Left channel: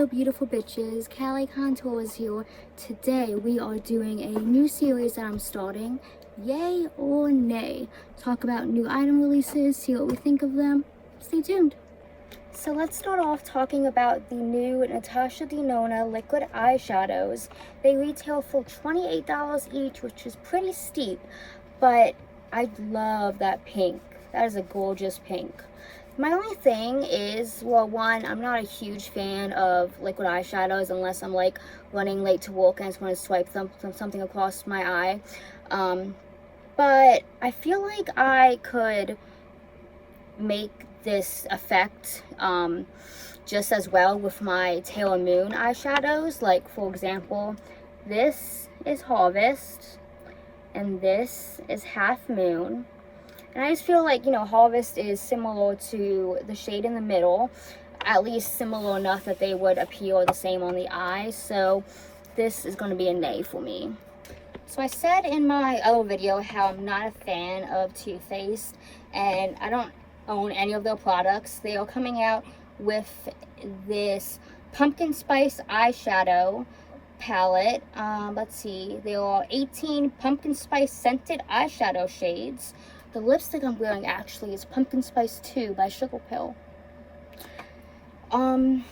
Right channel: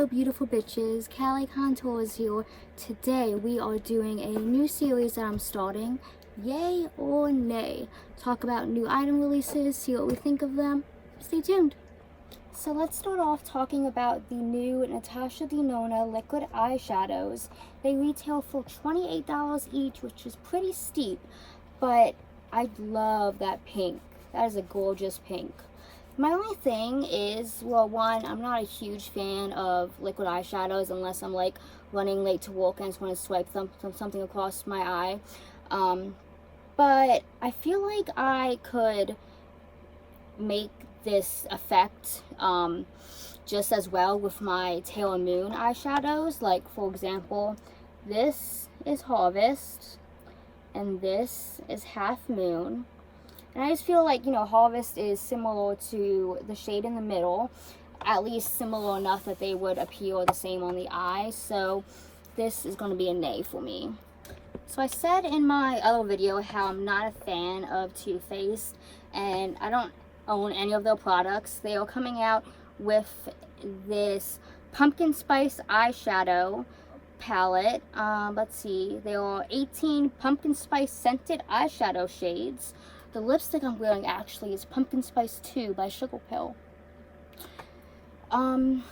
Hello beautiful bitches, Callie Contour is here. Today we are doing a new series that I'm starting, Yay or Nay. Talk about new item releases, see what we think of them. Stay tuned. So let's start off talking about the new Natasha Denona liquid eyeshadows. They retail for $28 each, which is pretty steep, but I love that pink. That is a gorgeous pink. My only thing is, well, one, I'm not a huge fan of liquid eyeshadows unless I'm like running late to work and I just want to swipe something across my eye. But I feel like I could make this effect just as well with my Taylor Moon eyeshadows. Like, for example, this is Harvest and this is Half Moon. And I just feel like, you know, Harvest is similar to the shade in the middle, at least similar enough that they would appear the same on the eye. So this is going to be a nay for me. So I said in my other video how I'm not a fan of Too Faced, and I don't own any of their products. They are coming out with this pumpkin spice eyeshadow palette. Let's see, there are 18 pumpkin spice scented eyeshadow shades. The lipstick I'm wearing actually is Pumpkin Spice 2 by Sugar Pill. Now,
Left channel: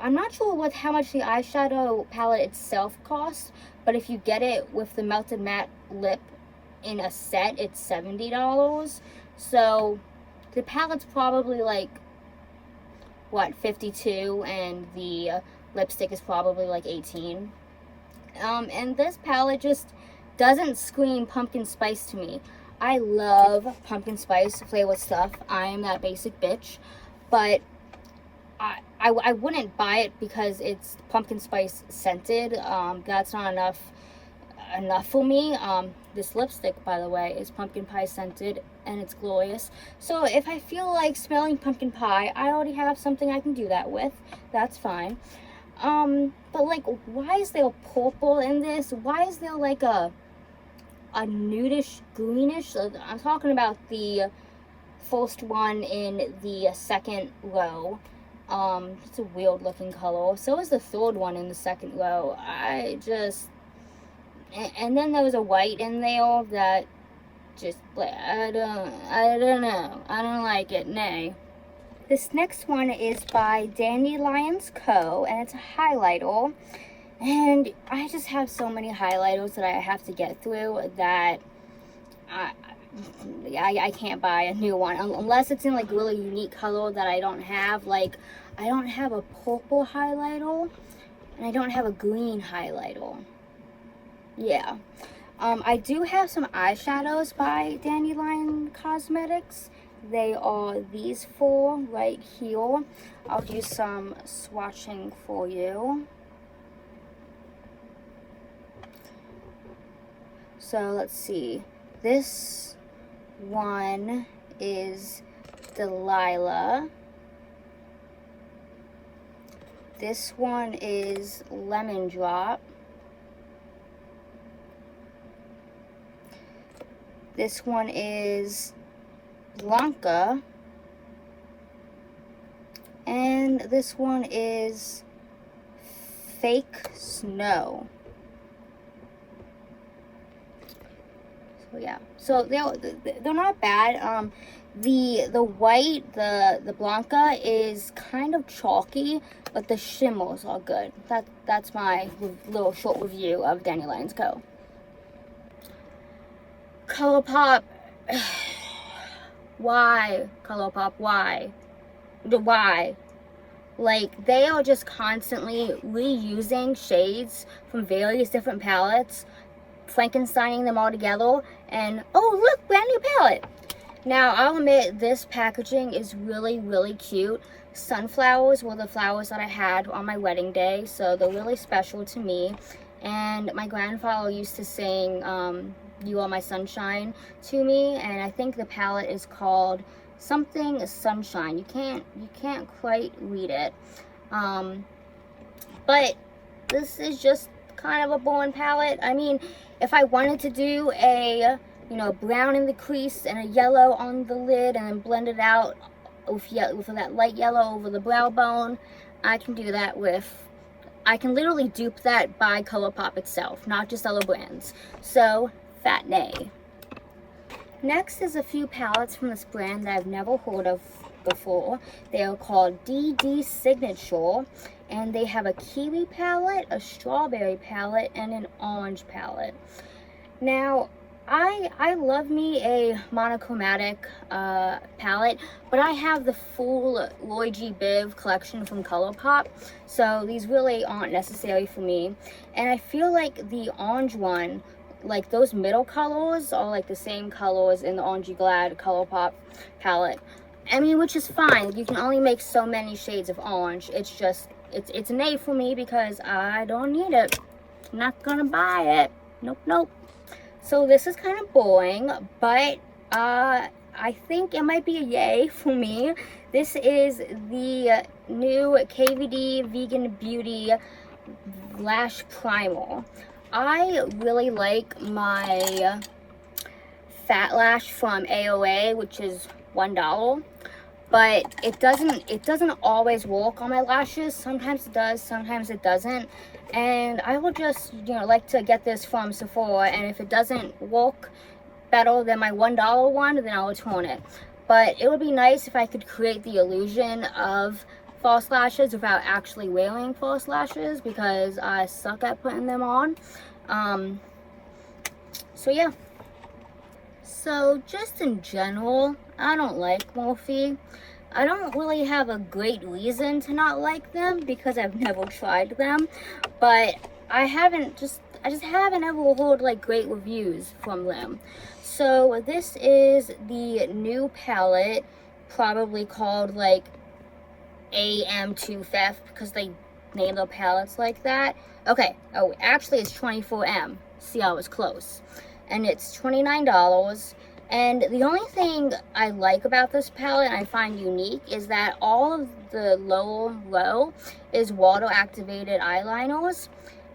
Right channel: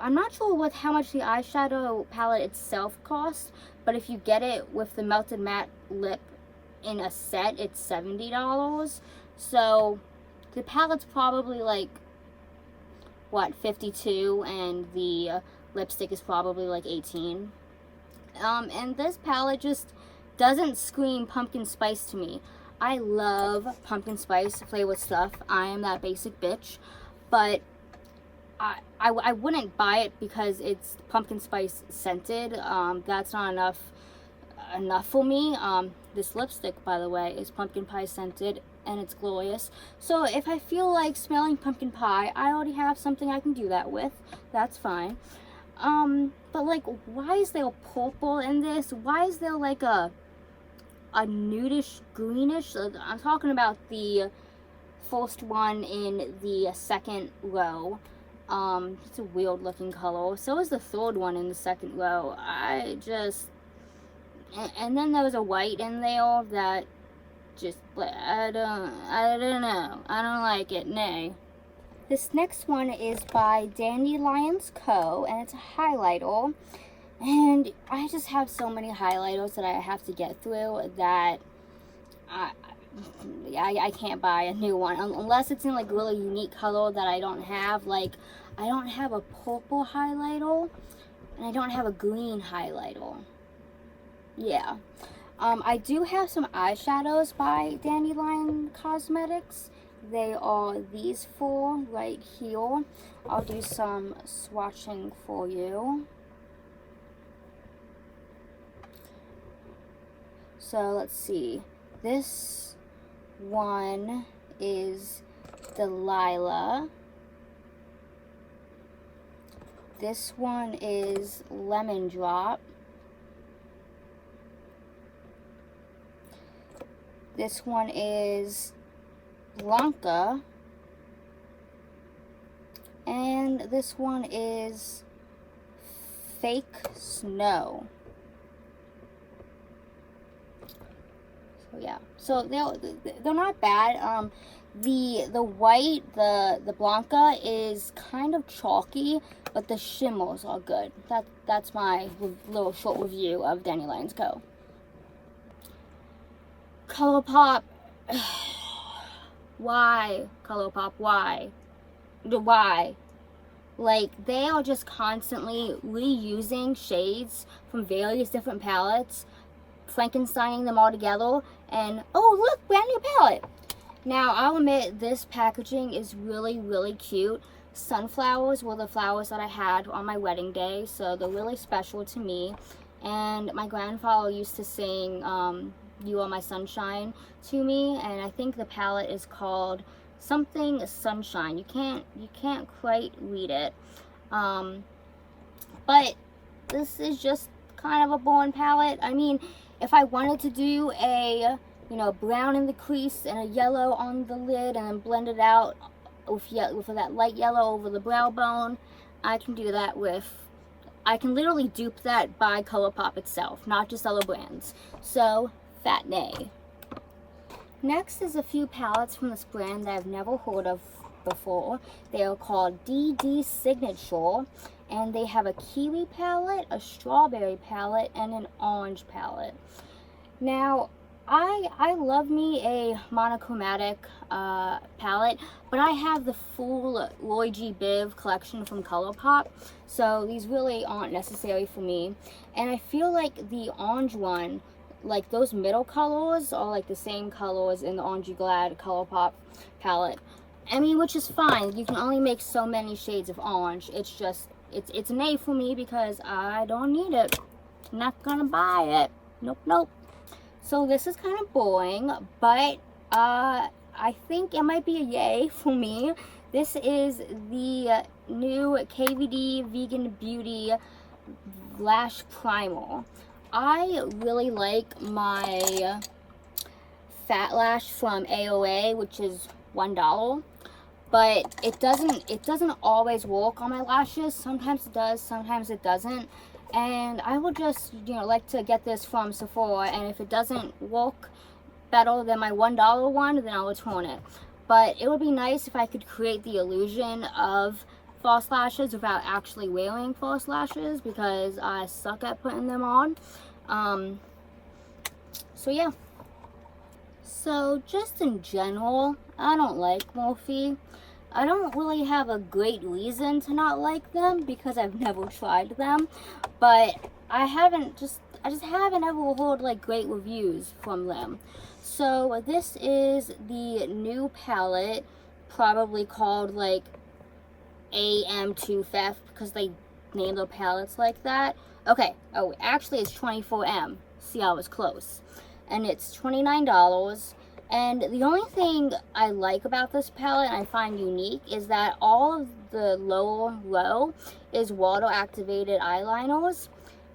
I'm not sure how much the eyeshadow palette itself costs, but if you get it with the Melted Matte Lip in a set, it's $70. So, the palette's probably like, what, $52, and the lipstick is probably like $18. And this palette just doesn't scream pumpkin spice to me. I love pumpkin spice flavored stuff. I am that basic bitch. But I wouldn't buy it because it's pumpkin spice scented. That's not enough for me. This lipstick, by the way, is pumpkin pie scented and it's glorious. So if I feel like smelling pumpkin pie, I already have something I can do that with. That's fine. But like, why is there purple in this? Why is there like a nudish greenish? I'm talking about the first one in the second row. It's a weird looking color. So is the third one in the second row. And then there was a white in there that just, I don't know. I don't like it. Nay. This next one is by Dandelions Co. and it's a highlighter. And I just have so many highlighters that I have to get through that I can't buy a new one. Unless it's in like a really unique color that I don't have. Like, I don't have a purple highlighter and I don't have a green highlighter. Yeah. I do have some eyeshadows by Dandelion Cosmetics. They are these four right here. I'll do some swatching for you. So let's see, this one is Delilah, this one is Lemon Drop, this one is Blanca, and this one is Fake Snow. Yeah, so they're not bad. The white, the Blanca is kind of chalky, but the shimmers are good. That's my little short review of Dandelions Co. ColourPop. Why, ColourPop? Why? Like, they are just constantly reusing shades from various different palettes, Frankensteining them all together, and oh look, brand new palette. Now I'll admit this packaging is really, really cute. Sunflowers were the flowers that I had on my wedding day, so they're really special to me. And my grandfather used to sing You Are My Sunshine to me, and I think the palette is called something Sunshine. You can't quite read it, but this is just kind of a boring palette. I mean, if I wanted to do a, you know, brown in the crease and a yellow on the lid and then blend it out with that light yellow over the brow bone, I can do that with, I can literally dupe that by ColourPop itself, not just other brands. So, fat nay. Next is a few palettes from this brand that I've never heard of before. They are called DD Signature, and they have a kiwi palette, a strawberry palette, and an orange palette. Now, I love me a monochromatic palette, but I have the full Roy G. Biv collection from ColourPop, so these really aren't necessary for me. And I feel like the orange one, like those middle colors are like the same colors in the Orangey Glad ColourPop palette. I mean, which is fine. You can only make so many shades of orange. It's just, it's an A for me because I don't need it. I'm not gonna buy it. Nope, nope. So this is kind of boring, but I think it might be a yay for me. This is the new KVD Vegan Beauty Lash Primer. I really like my Fat Lash from AOA, which is $1, but it doesn't always work on my lashes. Sometimes it does, sometimes it doesn't. And I will just, like to get this from Sephora, and if it doesn't work better than my $1 one, then I'll return it. But it would be nice if I could create the illusion of false lashes without actually wearing false lashes, because I suck at putting them on. So yeah. So just in general, I don't like Morphe. I don't really have a great reason to not like them because I've never tried them, but I just haven't ever heard like great reviews from them. So this is the new palette, probably called like AM2F because they named their palettes like that. Okay, oh actually it's 24M. See, I was close. And it's $29. And the only thing I like about this palette and I find unique is that all of the lower row is water activated eyeliners,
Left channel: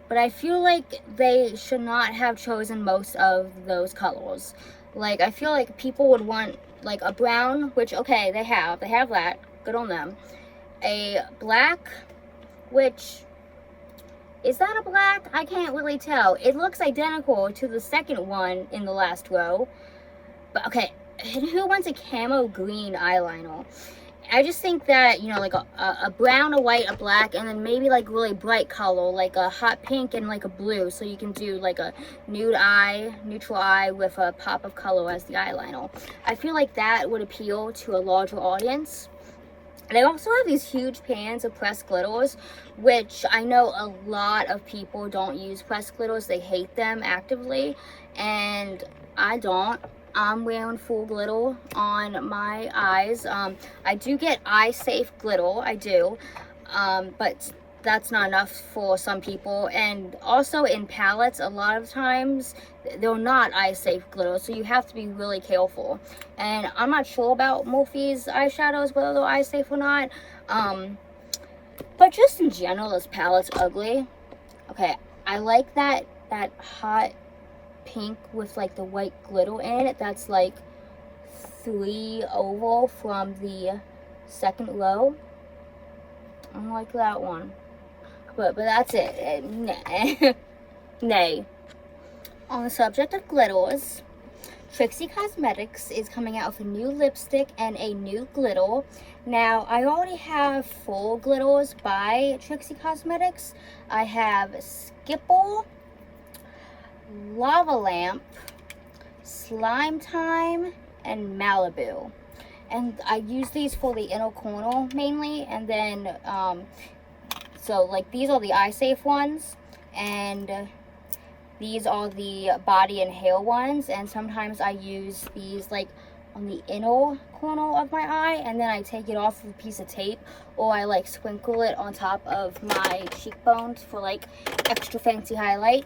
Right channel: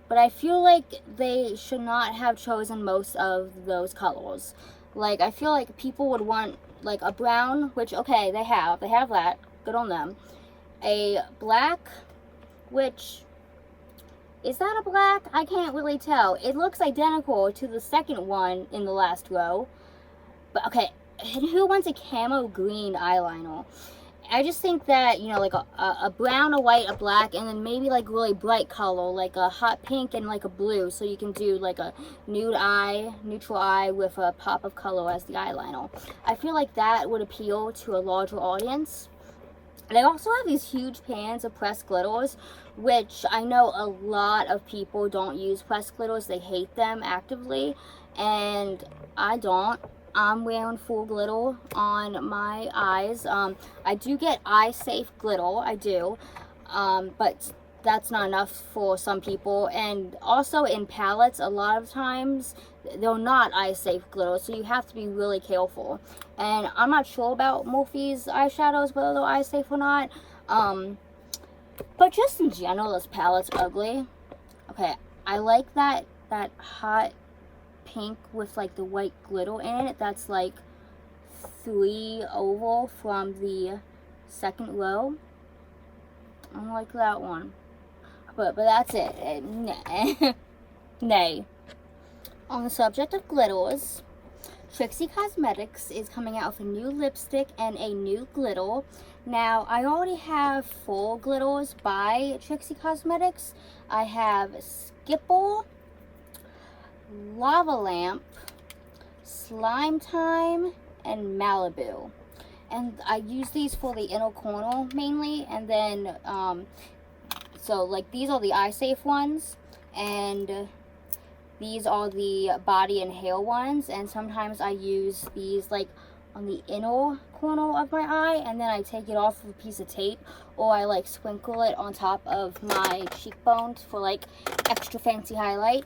but I feel like they should not have chosen most of those colors. Like, I feel like people would want like a brown, which okay, they have that, good on them. A black, which, is that a black? I can't really tell. It looks identical to the second one in the last row. But okay, who wants a camo green eyeliner? I just think that, like a brown, a white, a black, and then maybe like really bright color, like a hot pink and like a blue, so you can do like a nude eye, neutral eye with a pop of color as the eyeliner. I feel like that would appeal to a larger audience. And I also have these huge pans of pressed glitters, which I know a lot of people don't use pressed glitters. They hate them actively, and I don't. I'm wearing full glitter on my eyes. I do get eye safe glitter, I do, but that's not enough for some people. And also in palettes, a lot of times they're not eye safe glitter, so you have to be really careful. And I'm not sure about Morphe's eyeshadows, whether they're eye safe or not. But just in general, this palette's ugly. Okay, I like that hot pink with like the white glitter in it. That's like 3 over from the second row. I don't like that one, but that's it. Nay. On the subject of glitters, Trixie Cosmetics is coming out with a new lipstick and a new glitter. Now, I already have 4 glitters by Trixie Cosmetics. I have Skipper, Lava Lamp, Slime Time, and Malibu. And I use these for the inner corner mainly. And then, so like these are the eye safe ones, and these are the body and hair ones. And sometimes I use these like on the inner corner of my eye, and then I take it off with a piece of tape, or I like sprinkle it on top of my cheekbones for like extra fancy highlight.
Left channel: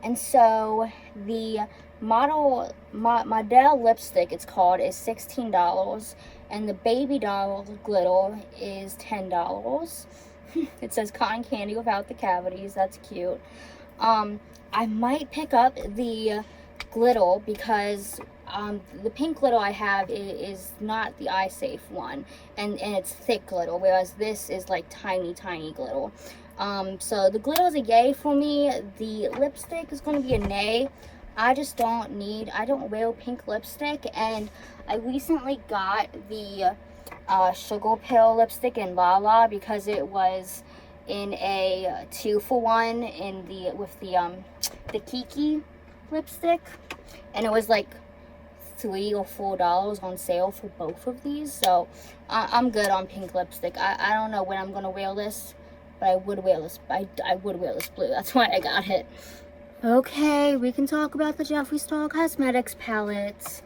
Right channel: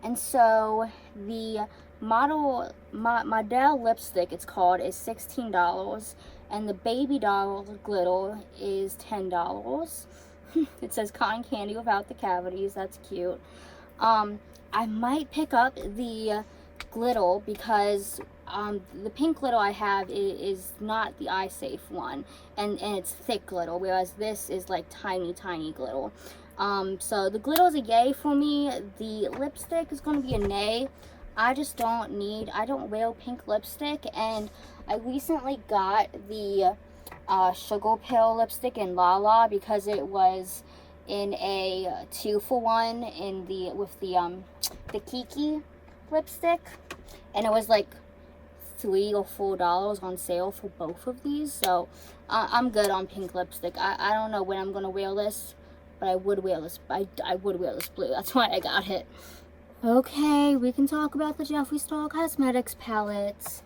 And so the Model lipstick, it's called, is $16, and the baby doll glitter is $10. It says cotton candy without the cavities. That's cute. I might pick up the glitter because the pink glitter I have is not the eye safe one, and it's thick glitter, whereas this is like tiny glitter. So the glitter is a yay for me. The lipstick is going to be a nay. I don't wear pink lipstick, and I recently got the sugar pill lipstick in Lala because it was in a 2-for-1 in the Kiki lipstick, and it was like $3 or $4 on sale for both of these. So I'm good on pink lipstick. I don't know when I'm gonna wear this, but I would wear this. I would wear this blue. That's why I got it. Okay, we can talk about the Jeffree Star Cosmetics palettes.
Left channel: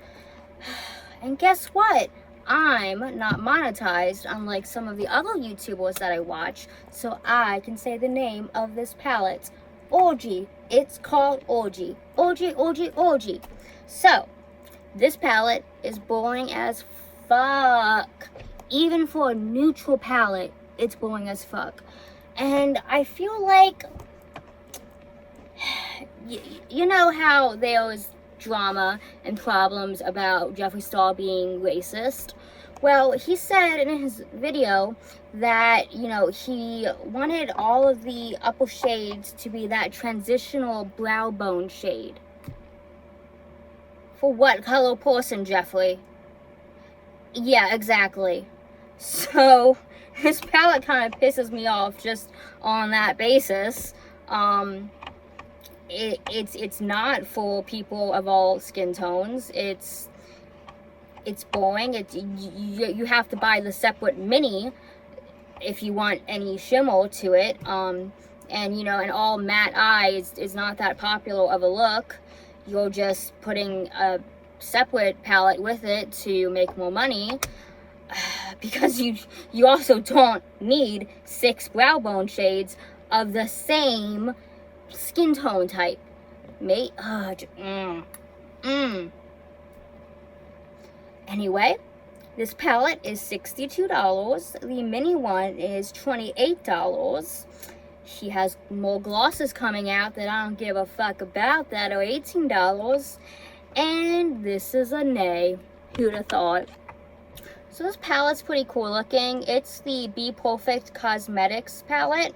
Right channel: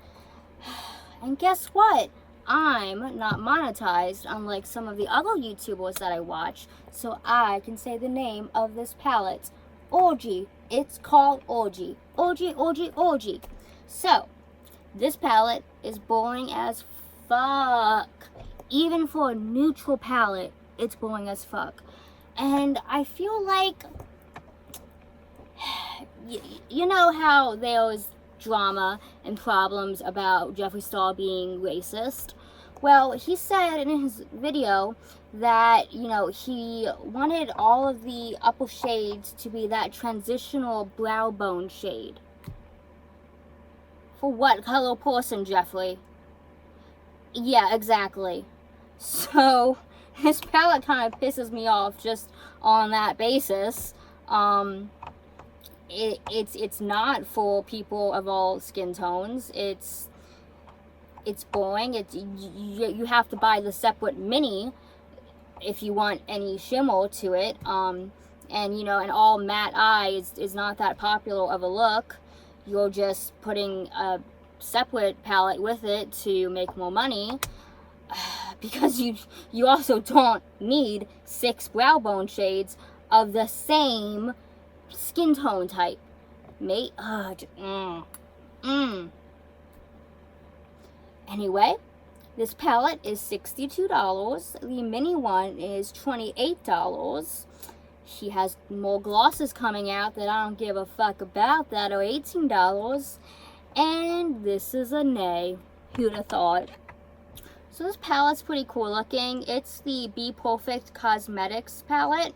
And guess what? I'm not monetized unlike some of the other YouTubers that I watch, so I can say the name of this palette. Orgy. It's called Orgy. Orgy, Orgy, Orgy. So, this palette is boring as fuck. Even for a neutral palette, it's boring as fuck. And I feel like, you know how there was drama and problems about Jeffree Star being racist? Well, he said in his video that, you know, he wanted all of the upper shades to be that transitional brow bone shade. For what color person, Jeffree? Yeah, exactly. So, this palette kind of pisses me off just on that basis. It's not for people of all skin tones. It's boring. You have to buy the separate mini if you want any shimmer to it. And you know, an all matte eye is not that popular of a look. You're just putting a separate palette with it to make more money, because you also don't need 6 brow bone shades of the same skin tone type, mate. Anyway, this palette is $62. The mini one is $28. She has more glosses coming out that I don't give a fuck about that are $18. And this is a nay. Who'd have thought? So this palette's pretty cool looking. It's the Be Perfect Cosmetics palette.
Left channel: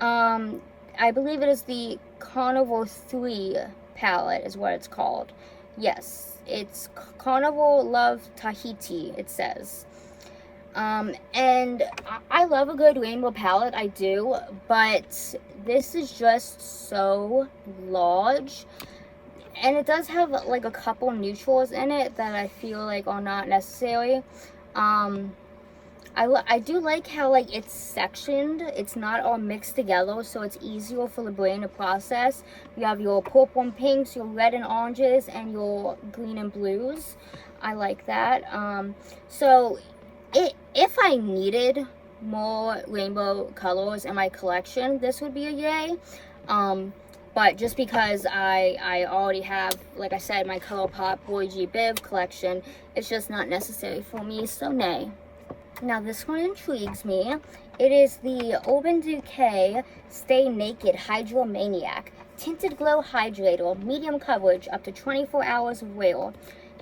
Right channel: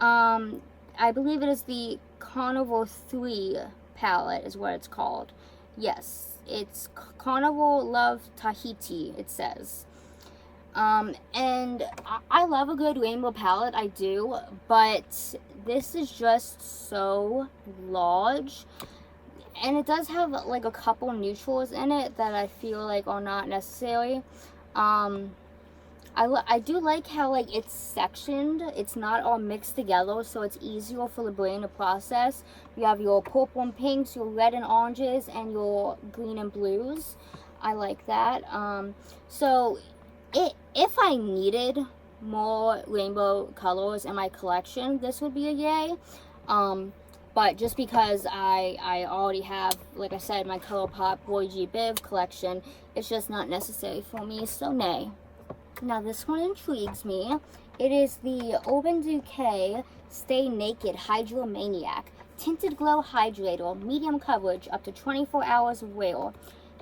I believe it is the Carnival 3 palette is what it's called. Yes, it's Carnival Love Tahiti, it says. And I love a good rainbow palette, I do, but this is just so large. And it does have like a couple neutrals in it that I feel like are not necessary. I do like how like it's sectioned. It's not all mixed together, so it's easier for the brain to process. You have your purple and pinks, your red and oranges, and your green and blues. I like that. So if I needed more rainbow colors in my collection, this would be a yay. But just because I already have, like I said, my ColourPop Boy G Biv collection, it's just not necessary for me, so nay. Now this one intrigues me. It is the Urban Decay Stay Naked Hydromaniac Tinted Glow Hydrator, medium coverage, up to 24 hours of wear.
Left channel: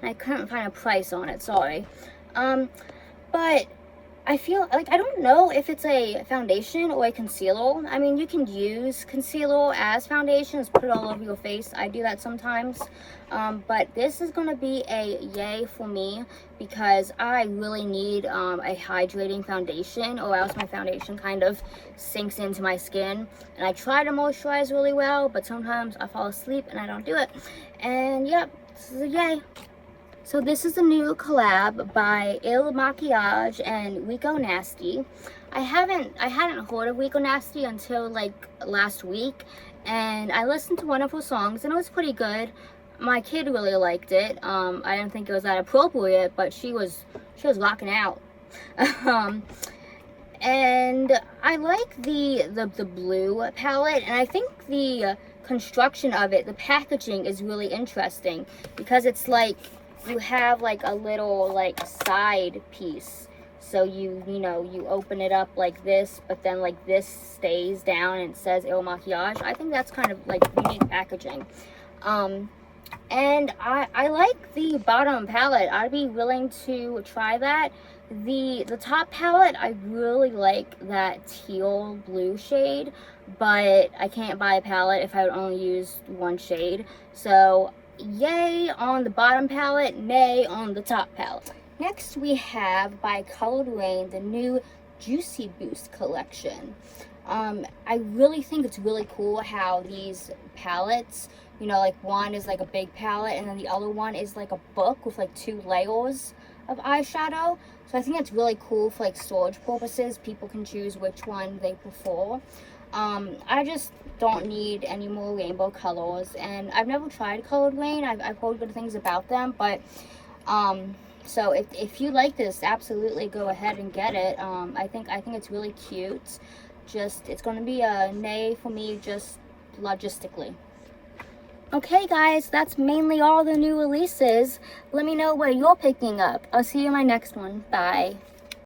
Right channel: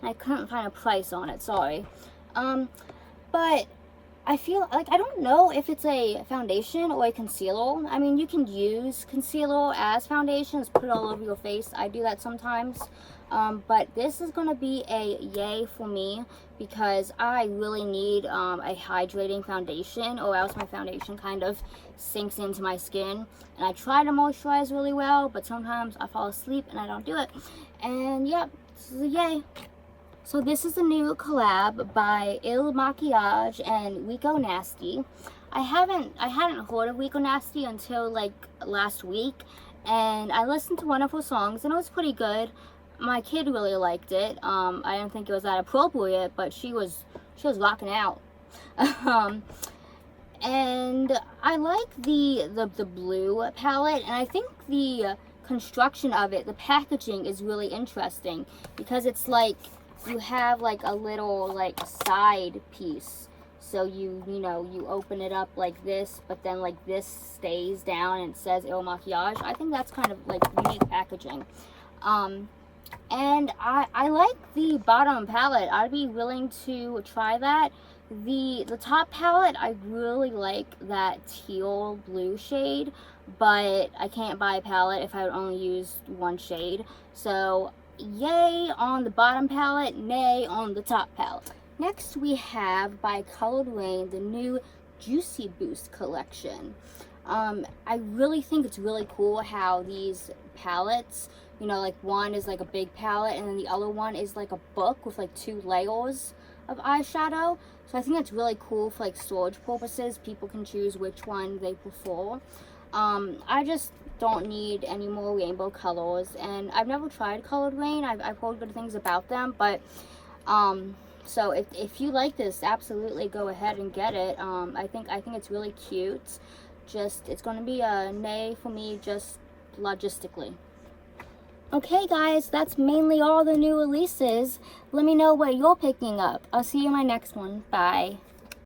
And I couldn't find a price on it, sorry. But I feel like, I don't know if it's a foundation or a concealer. I mean, you can use concealer as foundations, put it all over your face. I do that sometimes. But this is going to be a yay for me because I really need a hydrating foundation, or else my foundation kind of sinks into my skin. And I try to moisturize really well, but sometimes I fall asleep and I don't do it. And yep, this is a yay. So this is a new collab by Il Makiage and Rico Nasty. I hadn't heard of Rico Nasty until like last week, and I listened to one of her songs and it was pretty good. My kid really liked it. I didn't think it was that appropriate, but she was rocking out. And I like the blue palette, and I think the construction of it, the packaging is really interesting because it's like you have like a little like side piece, so you open it up like this, but then like this stays down and it says Il Makiage. I think that's kind of like unique packaging. And I like the bottom palette. I'd be willing to try that. The top palette, I really like that teal blue shade, but I can't buy a palette if I would only use one shade. So yay on the bottom palette, nay on the top palette. Next we have by Colored Raine the new Juicy Boost collection. I really think it's really cool how these palettes, you know, like one is like a big palette and then the other one is like a book with like 2 layers of eyeshadow. So I think that's really cool for like storage purposes. People can choose which one they prefer. I just don't need any more rainbow colors, and I've never tried Colored Raine. I've heard good things about them, but so if you like this, absolutely go ahead and get it. I think it's really cute. Just, it's going to be a nay for me, just logistically. Okay guys, that's mainly all the new releases. Let me know what you're picking up. I'll see you in my next one. Bye.